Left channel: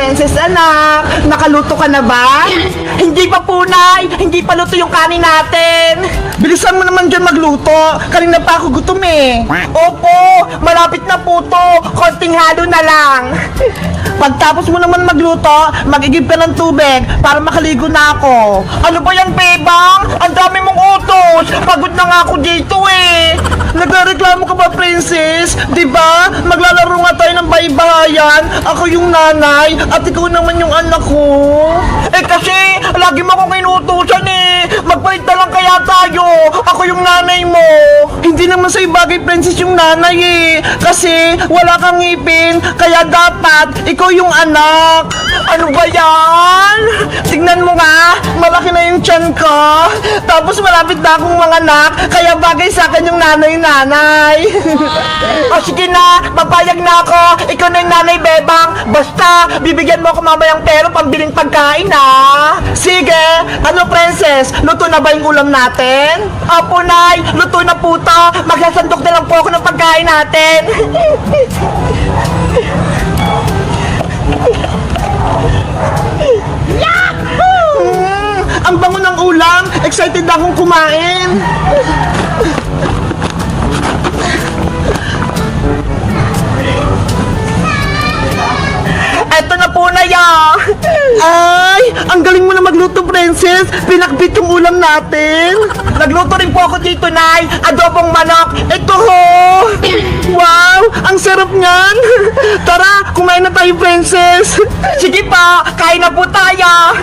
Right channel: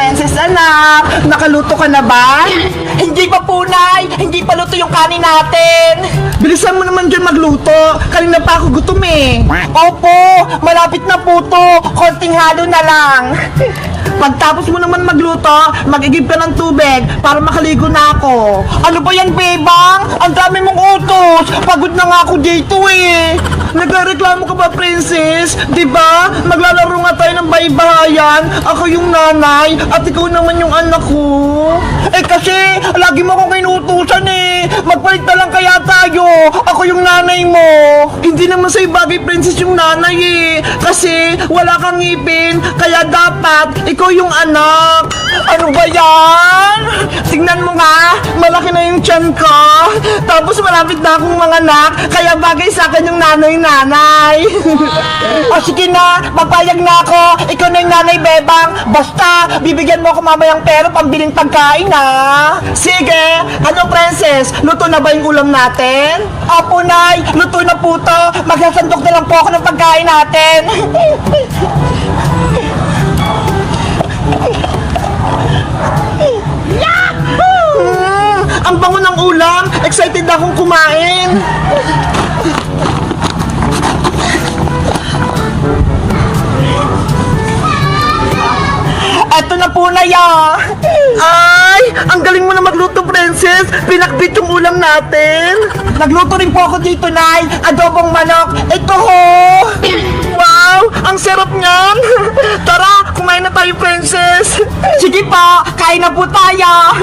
Princess anak, nakaluto ka na ba? Hindi pa po, Nay. Hindi pa luto yung kanin natin. Bilisan mo naman dyan magluto. Kanina pa ako gutom eh. Opo, malapit na po to. Konting halo na lang. Pagtapos mo naman magluto, mag-igib ka ng tubig para makaligo na ako. Ano ba yan, Bebang? Ang dami mong utos. Pagod na nga ako dito eh. Nagreklamo ka ba, Princess? Diba? Maglalaro nga tayo ng baybahayan. Ako yung nanay at ikaw naman yung anak ko. Eh kasi, lagi mo akong inuutusan eh. Magpalit na lang kaya tayo. Ako yung nanay mo. Hindi naman sa'yo bagay, Princess, yung nanay eh. Kasi wala kang ngipin, kaya dapat ikaw yung anak. Ano ba yan? Tingnan mo nga, malaki na yung tiyan ko. Tapos malapit na akong mga anak, kaya bagay sa akin yung nanay-nanay. O sige na, papayag na ako. Ikaw na yung nanay, Bebang. Basta, bibigyan mo ako mamayang pera pambiling pagkain ha. Sige, ano Princess, luto na ba yung ulam natin? Opo, Nay, luto na po to. Magsasandok na lang po ako ng pagkain natin. Yahoo! Ang bango ng ulam. Excited na akong kumain. Eto na po na ya. Ay, ang galing mo na magluto, Princess. Pinakbit yung ulam natin. Nagluto rin po ako dito, Nay. Adobong manok. Ito ho. Wow, ang sarap niyan. Tara, kumain na tayo, Princess. Sige pa, kain na po tayo.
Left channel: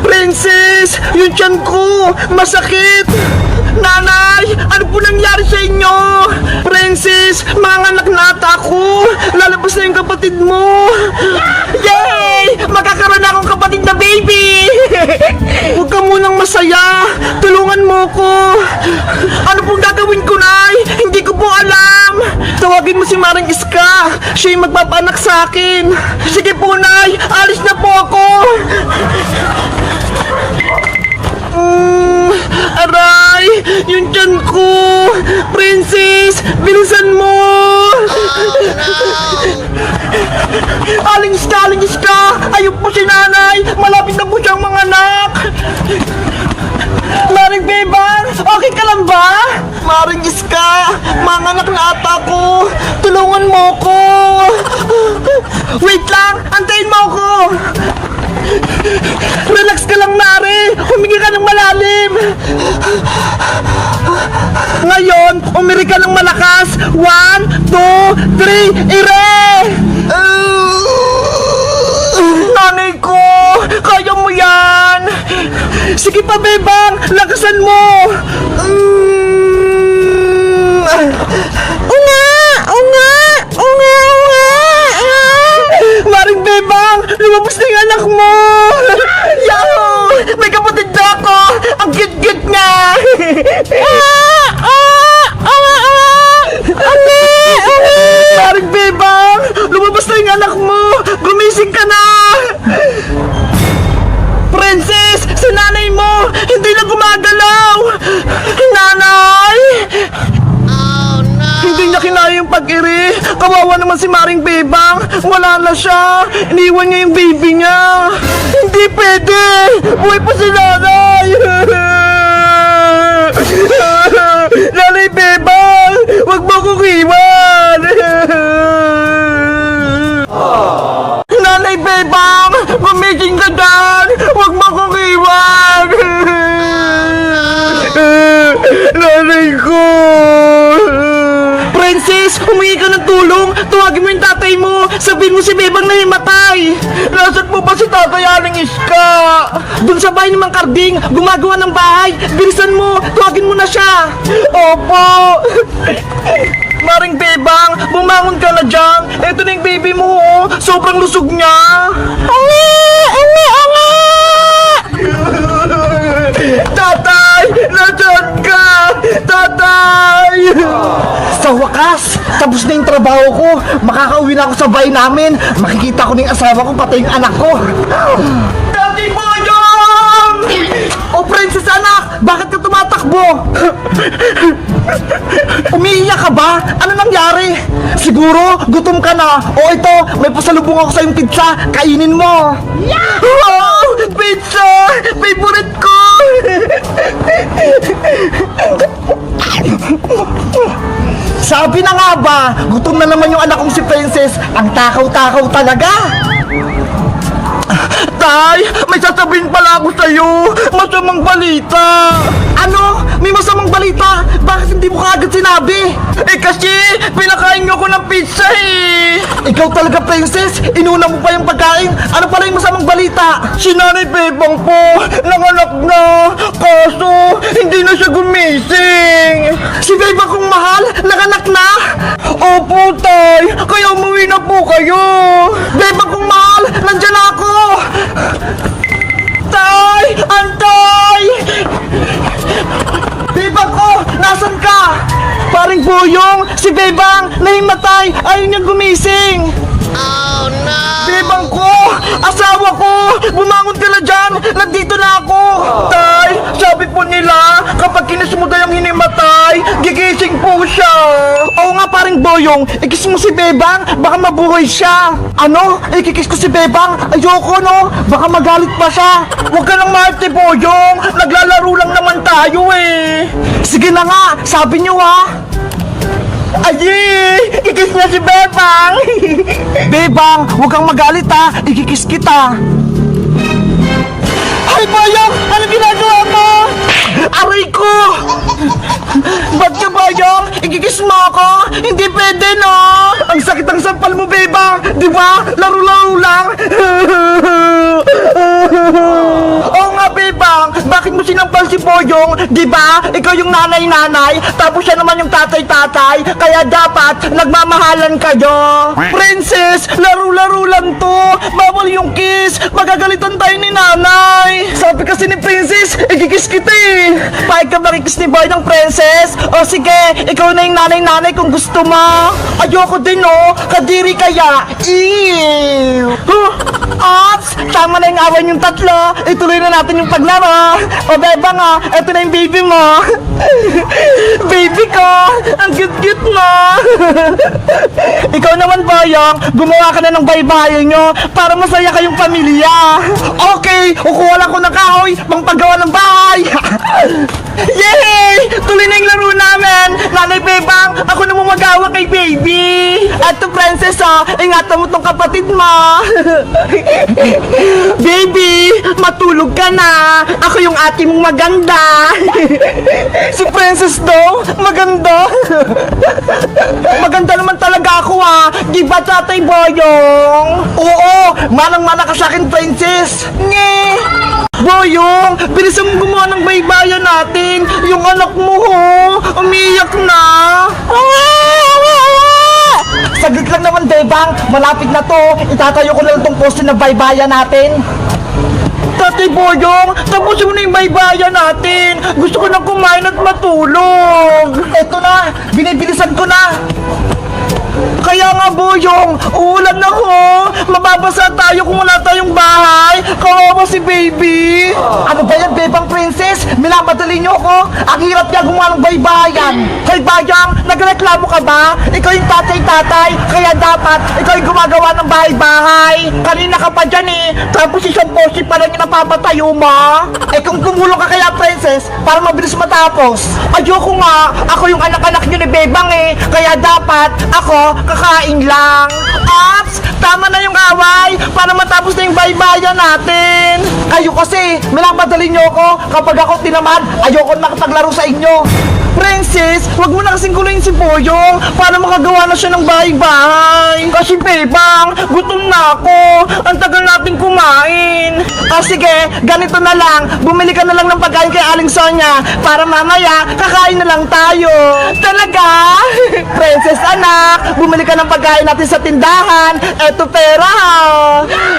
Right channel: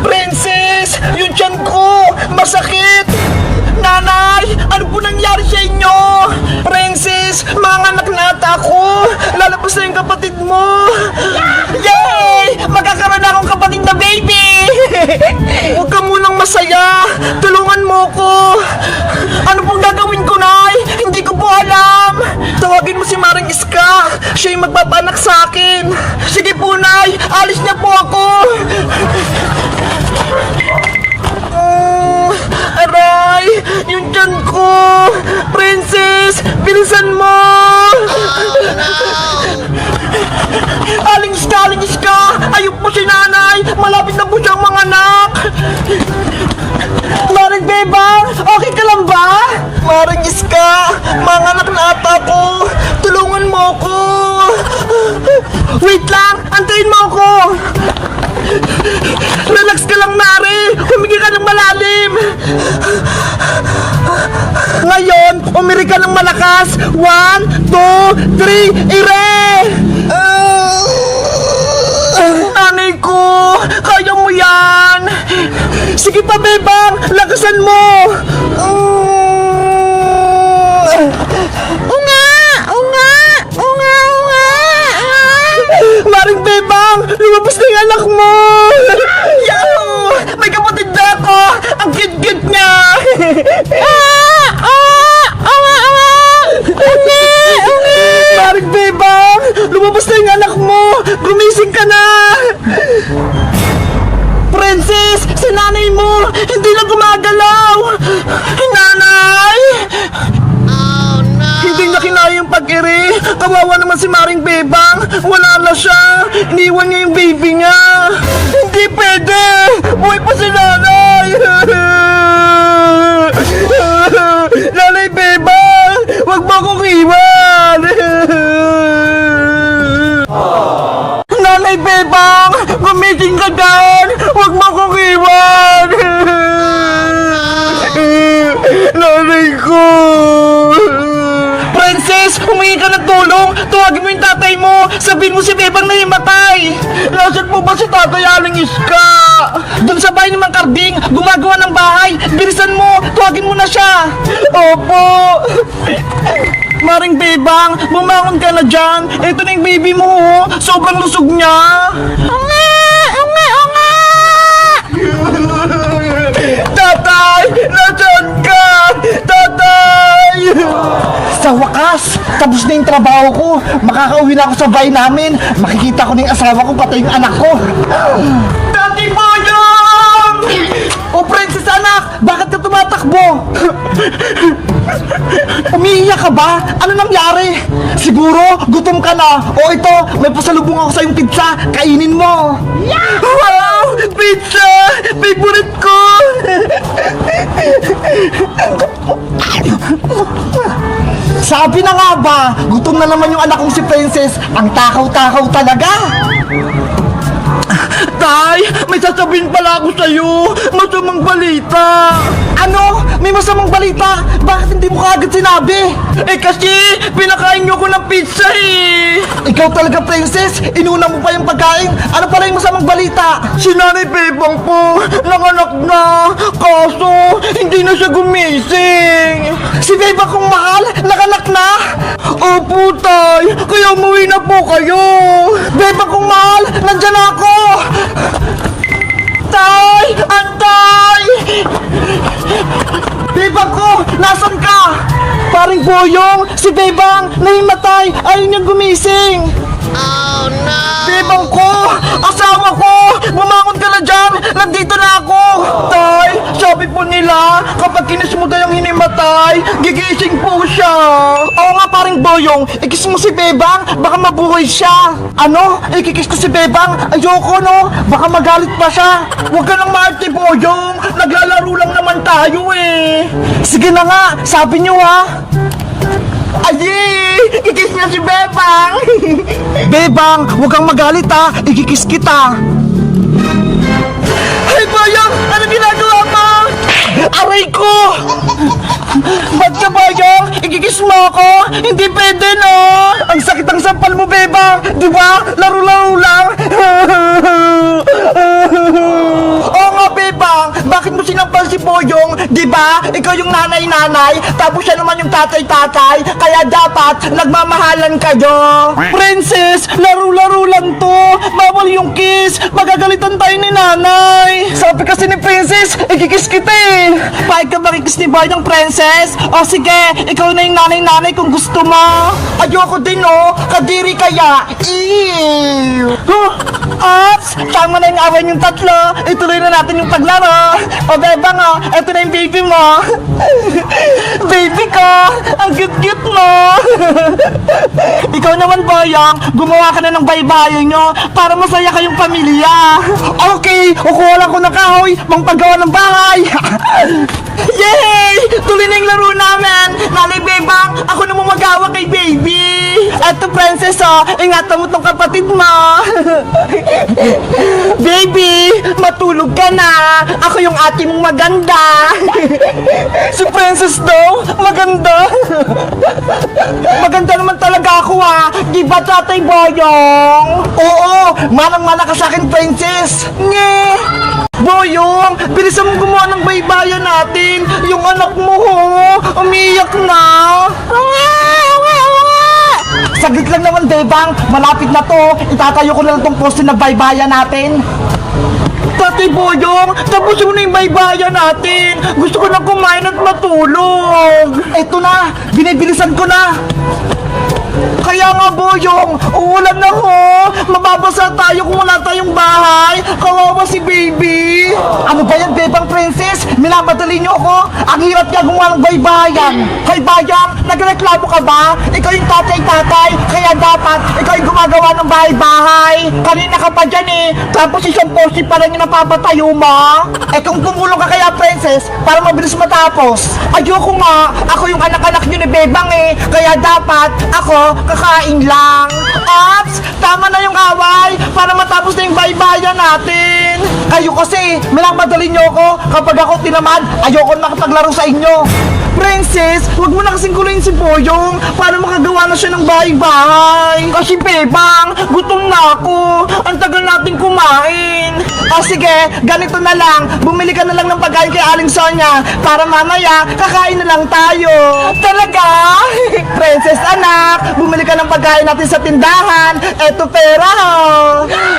Princess, yung tiyan ko, masakit. Nanay, ano po nangyari sa inyo? Princess, manganak na ata ako. Lalabas na yung kapatid mo. Yay! Magkakaroon na akong kapatid na baby. Huwag ka munang masaya. Tulungan mo ko. Ano pong gagawin ko, Nay? Hindi ko po alam. Tawagin mo si Maring Iska. Siya yung magpapaanak sa akin. Sige po, Nay. Alis na po ako. Aray! Yung tiyan ko! Princess! Bilisan mo! Aling Iska! Ayok po si nanay! Malapit na po siyang mga anak! Maring Bebang! Okay ka lang ba? Maring Iska! Mga anak na ata ko! Tulungan mo ko! Wait lang! Antayin mo ako! Relax ka lang, Mari! Humingi ka ng malalim! Ngayon, umiri ka ng malakas! 1, 2, 3, ire! Nanay ko! Kaya mo yan! Sige pa, Bebang! Lakasan mo! Maring Bebang! Lumabas na yung anak mo! Yahoo! May kapatid na ako! Ang cute-cute niya! Maring Bebang! Lumabas na yung anak mo! Gumising ka na! Princess! Si nanay mo! Hindi na gumagalaw! Nanay! Hindi niya kinaya yung pag-iri. Kawawa naman si Maring Bebang. Wala na siya. Iniwan niya yung baby niya. Hindi pwede. Buhay pa si nanay. Nanay Bebang, wag mo kong iwan. Nanay Bebang, gumising ka dyan. Wag mo kong iwan. Nanay ko. Princess, humingi ka ng tulong. Tuwagin mo yung tatay mo. Sabihin mo si Bebang na himatay. Nasaan po ba si tatay Aling Iska? Doon sa bahay ni Mang Karding, gumagawa ng bahay. Bilisan mo, tuwagin mo na siya. Opo. Maring Bebang, bumangon ka na dyan. Ito na yung baby mo, oh. Sobrang lusog niya. Tatay! Nasaan ka? Tatay! Sa wakas, tapos na yung trabaho ko. Makakauwi na ako sa bahay namin. Makikita ko na yung asawa ko, pati yung anak ko. Tati Boyong! O Princess anak, bakit ka tumatakbo? Umiiyak ka ba? Ano nangyari? Siguro, gutom ka na. O ito, may pasalubong ako sa yung pizza. Kainin mo. Wow! Pizza! Favorite ko! Sabi na nga ba, gutom na naman yung anak kong si Princess. Ang takaw-takaw talaga. Tay, may sasabihin pala ako sa'yo. Masamang balita. Ano? May masamang balita? Bakit hindi mo kaagad sinabi? Eh kasi, pinakain niyo ko ng pizza eh. Ikaw talaga, Princess. Inuna mo pa yung pagkain. Ano pala yung masamang balita? Si Nanay Bebang po, nanganak na. Kaso, hindi na siya gumising. Si Bebang kong mahal, nanganak na? Opo, Tay. Kaya umuwi na po kayo. Bebang kong mahal, nandyan ako. Tay! Antay! Bebang ko! Nasaan ka? Paring Boyong! Si Bebang! Nahimatay! Ayaw niya gumising! Oh no! Bebang ko! Asawa ko! Bumangon ka na dyan! Nandito na ako! Tay! Sabi po nila, kapag kinis mo daw yung hinimatay, gigising po siya! Oo nga paring Boyong! Ikis mo si Bebang! Baka mabuhay siya! Ano? Ikikis ko si Bebang? Ayoko no! Baka magalit pa siya! Huwag ka nang maarte Boyong! Naglalaro lang naman tayo eh! Sige na nga! Sabi niyo ha! Ayi! Ikikis niya si Bebang! Bebang, huwag kang magalit ha! Ikikis kita! Ay, Boyong! Ano ginagawa mo? Aray ko! Ba't ka, Boyong? Ikikis mo ako? Hindi pwede, no? Ang sakit ang sampal mo, Bebang! Di ba? Laro-laro lang! Oo nga, Bebang! Bakit mo sinampal si Boyong? Di ba? Ikaw yung nanay-nanay, tapos siya naman yung tatay-tatay, kaya dapat nagmamahalan kayo! Princess! Laro-laro lang to! Bawal yung kiss! Magagalitan tayo ni nanay! Sabi kasi ni Princess, ikikis kita eh! Paig ka makikis ni Boy ng Princess? O sige, ikaw na yung nanay-nanay kung gusto mo! Ayoko din oh! Kadiri kaya! Ew! Huh? Ops! Tama na yung away yung tatlo! Ituloy na natin yung paglaro! O Bebang oh! Ito na yung baby mo! Baby ko! Ang cute-cute mo! Ikaw naman Boyong, gumawa ka na ng baybayin nyo para masaya kayong pamilya! Okay! Kukuha lang ko ng kahoy pang paggawa ng bahay! Yay! Tuloy na yung laro namin! Nanay Bebang, ako na magawa kay baby! Eto Princess oh, ingatan mo tong kapatid mo! Baby, matulog ka na! Ako yung ate mong maganda! Si Princess daw, maganda! Maganda naman talaga ako ha! Di ba Tatay Boyong? Oo, manang-mana ka sa akin Princess! Nye! Boyong, bilisan mong gumawa ng baybayan natin! Yung anak mo ho, umiyak na! Saglit lang naman, Bebang. Malapit na to. Itatayo ko na lang tong poste na baybayan natin. Tatay Boyong, tapusin mo na yung baybayan natin. Gusto ko na kumain at matulog. Eto na, binibilisan ko na. Kaya nga Boyong, uulan na ho. Mababasa tayo kung wala tayong bahay. Kawawa si baby. Ano ba yan, Bebang Princess? Minamadali niyo ako. Ang hirap niya gumawa ng baybayan. Hoy Bayang, nagreklamo ka ba? Ikaw yung tatay-tatay, kaya dapat ikaw yung gumagawa ng bahay-bahay. Kanina ka pa dyan eh. Tapos isang poste pa lang yung napapatayo mo. Eh kung tumulong ka kaya Princess, para mabilis matapos. Ayoko nga, ako yung anak-anak niyo ni Bebang eh. Kaya dapat ako kakain lang. Ops! Tama na yung away para matapos na yung baybayan natin. Kayo kasi, minamadali niyo ako. Kapag ako tinamad, ayoko nakapaglaro sa inyo. Princess, wag mo na kasing kulayin si Boyong para makagawa na siya ng bahay-bahay. Kasi Bebang, gutom na ako. Ang tagal natin kumain. O sige, ganito na lang. Bumili ka na lang ng pagkain kay Aling Sonia para mamaya kakain na lang tayo. Talaga? Princess anak, bumili ka ng pagkain natin sa tindahan. Eto pera.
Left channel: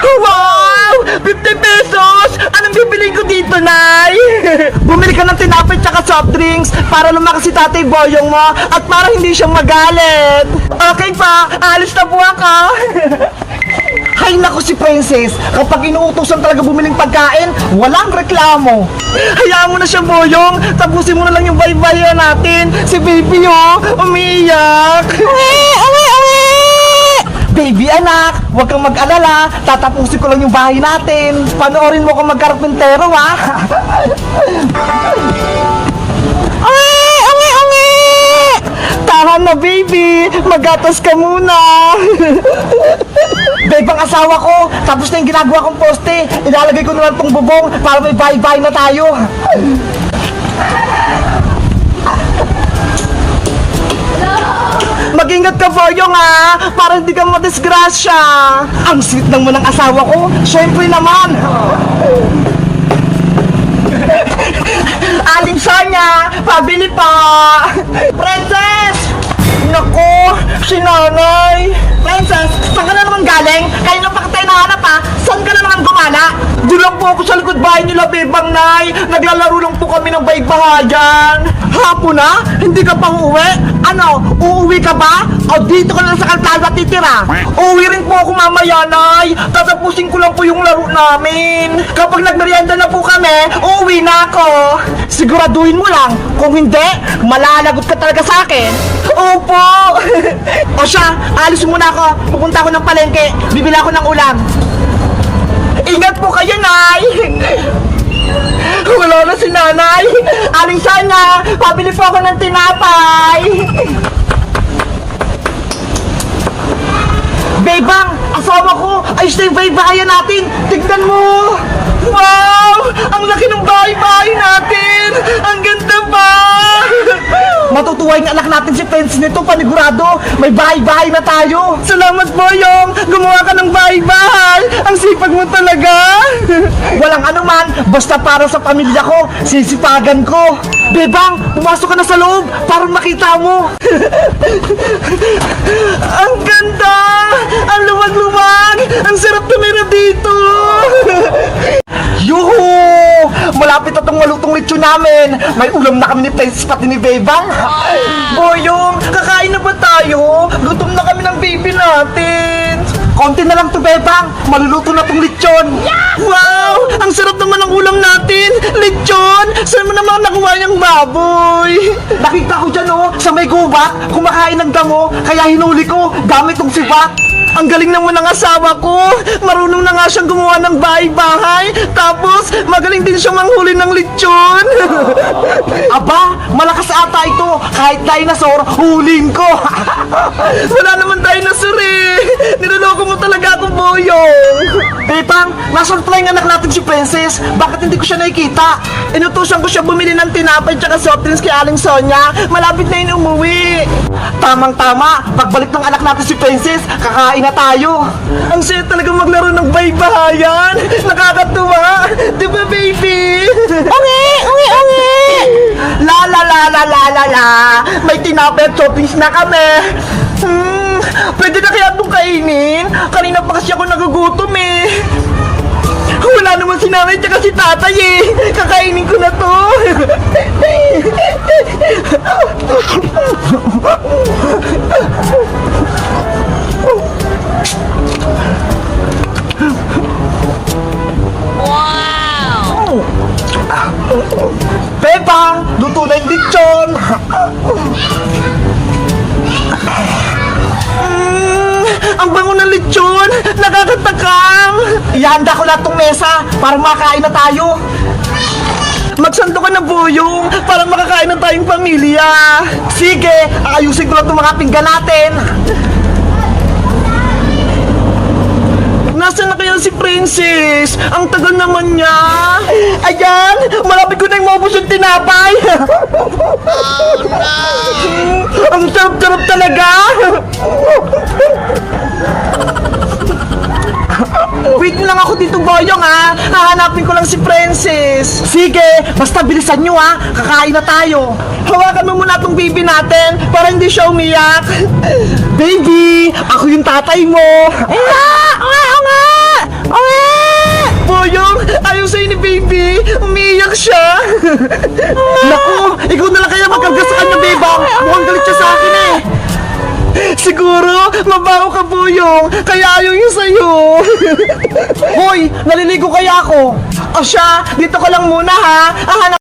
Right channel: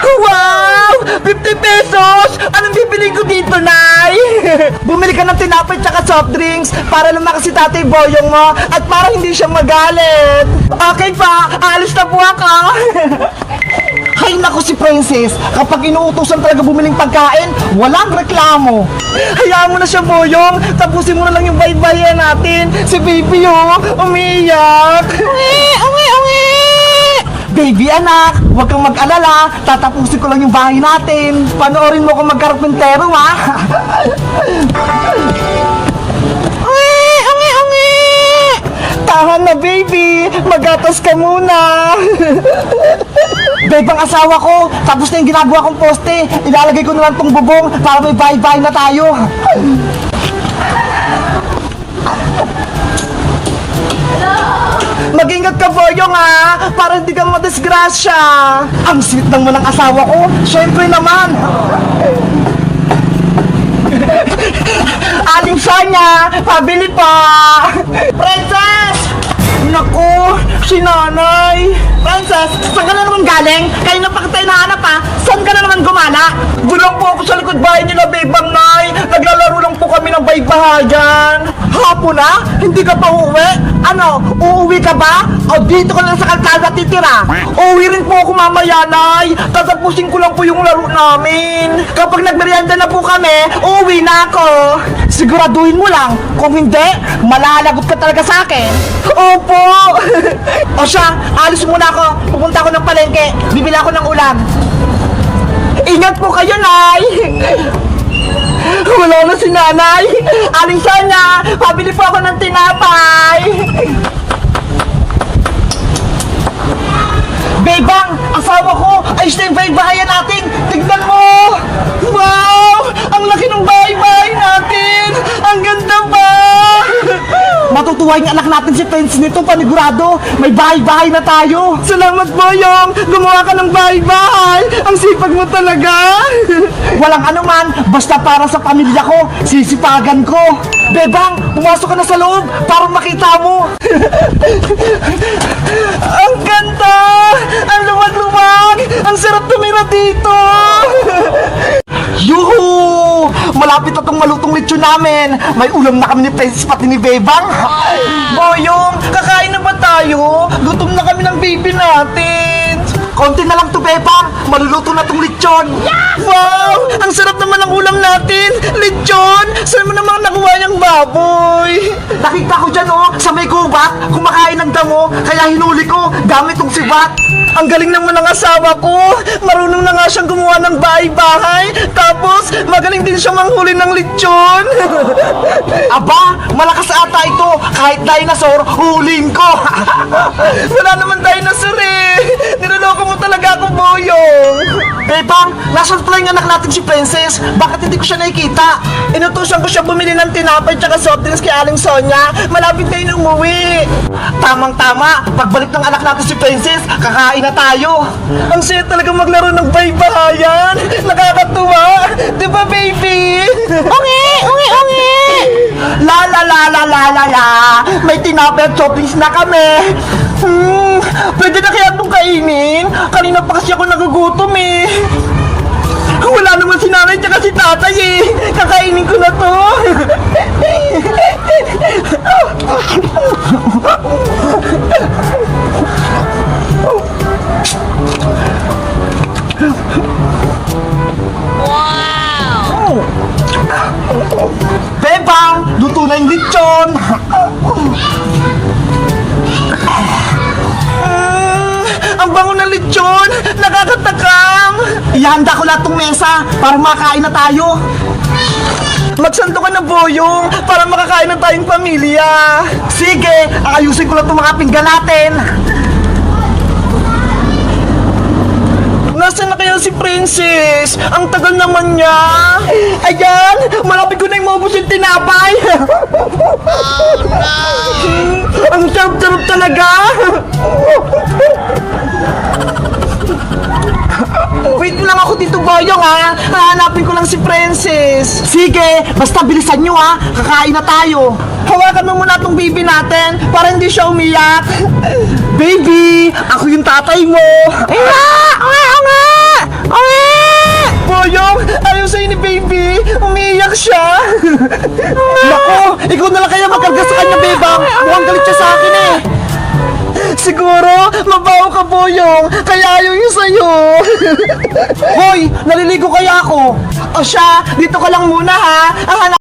Wow! 50 pesos! Anong bibili ko dito, Nay? Bumili ka ng tinapay tsaka soft drinks para lumakas si Tatay Boyong mo at para hindi siya magalit. Okay pa, alis na po ako. Hay nako si Princess, kapag inuutosan talaga bumiling pagkain, walang reklamo. Hayaan mo na siya, Boyong. Tapusin mo na lang yung baybayan natin. Si baby, oh, umiiyak. Baby anak, huwag kang mag-alala. Tatapusin ko lang yung bahay natin. Panoorin mo kung magkarpentero, ha? Tahan na, baby. Magatas ka muna. Babe, ang asawa ko, tapos na yung ginagawa kong poste. Ilalagay ko na lang tong bubong para may bahay-bahay na tayo. Mag-ingat ka, Boyong, ha? Para hindi ka madisgrasya. Ang sweet ng mo ng asawa ko. Siyempre naman. Aling Sonia, pabili pa. Princess! Naku, si nanay. Princess, saan ka na naman galing? Kayo na pa kita hinahanap, ha? Saan ka na naman gumana? Doon lang po ako sa likod bahay nila, Bebang Nay. Naglalaro lang po kami ng baybahayan. Hapon na? Hindi ka pa uuwi? Ano, uuwi ka ba? O dito ka lang sa kalsada titira? Uuwi rin po ako mamaya, Nay. Tatapusin ko lang po yung laro namin. Kapag nagmerienda na po kami, uuwi na ako. Siguraduhin mo lang. Kung hindi, malalagot ka talaga sa akin. Opo. O siya, alis muna ako. Pupunta ako ng palengke. Bibili ako ng ulam. Ingat po kayo, Nay. Wala na si nanay. Aling Sonia, pabili po ako ng tinapay. Bebang, asawa ko, ayos na yung bahay-bahayan natin. Tignan mo. Wow, ang laki ng bahay-bahay natin. Ang ganda ba? Matutuwa yung anak natin si Pence nito, panigurado. May bahay-bahay na tayo. Salamat, Boyong. Gumawa ka ng bahay-bahay. Ang sipag mo talaga. Walang anuman, basta para sa pamilya ko, sisipagan ko. Bebang, pumasok ka na sa loob para makita mo. Ang ganda! Ang luwag-luwag! Ang sarap tumira dito! Yuhu! Malapit na tong malutong lechon namin. May ulam na kami ni Princess pati ni Bebang. Boyong, kakain na ba tayo? Gutom na kami ng baby natin. Konti na lang to, Bebang. Maluluto na tong lechon. Yeah! Wow! Ang sarap naman ng ulam natin. Lechon! Saan mo naman nakuha niyang baboy? Nakita ko dyan, oh, sa may gubat, kumakain ng damo, kaya hinuli ko gamit tong sibat. Ang galing naman ng asawa ko. Marunong na nga siyang gumawa ng bahay-bahay. Tapos, magaling din siyang manghuli ng lechon. Aba, malakas ata ito. Kahit dinosaur, huling ko. Wala naman dinosaur eh. Niloloko mo talaga ako, Boyong. Bebang, nasaan pala yung anak natin si Princess? Bakit hindi ko siya nakikita? Inutusan ko siya bumili ng tinapay tsaka soft drinks kay Aling Sonia. Malapit na yun umuwi. Tamang-tama, pagbalik ng anak natin si Princess, kakain na tayo. Ang saya talaga maglaro ng baybahayan. Nakakatuwa. Diba, baby? Ungi! Ungi! Ungi! La la la la la la la. May tinapay at soft drinks na kami. Pwede na kaya itong kainin? Kanina pa kasi ako nagugutom eh. Wala naman si nanay tsaka si tatay eh. Kakainin ko na to. Wow! Bebang, luto na yung lechon. Ang bango ng lechon! Nakakatakam! Ihanda ko lahat tong mesa para makakain na tayo. Magsando ka na, Boyong, para makakain na tayong pamilya. Sige, ayusin ko lang itong mga pinggan natin. Nasaan na kaya si Princess? Ang tagal naman niya. Ayan, malapit ko na yung maubos yung tinapay. Oh, no! Ang sarap-sarap talaga. Wait lang ako dito, Boyong, ha? Hahanapin ko lang si Princess. Sige, basta bilisan nyo, ha? Kakain na tayo. Hawakan mo muna tong baby natin para hindi siya umiyak. Baby, ako yung tatay mo. Boyong, ayaw sa'yo ni baby. Umiiyak siya. Naku, ikaw na lang kaya magkarga sa kanya, Bebang. Mukhang galit siya sa akin eh. Siguro, mabaho ka, Boyong. Kaya ayaw niya sa'yo. Hoy, naliligo kaya ako. O siya, dito ka lang muna ha.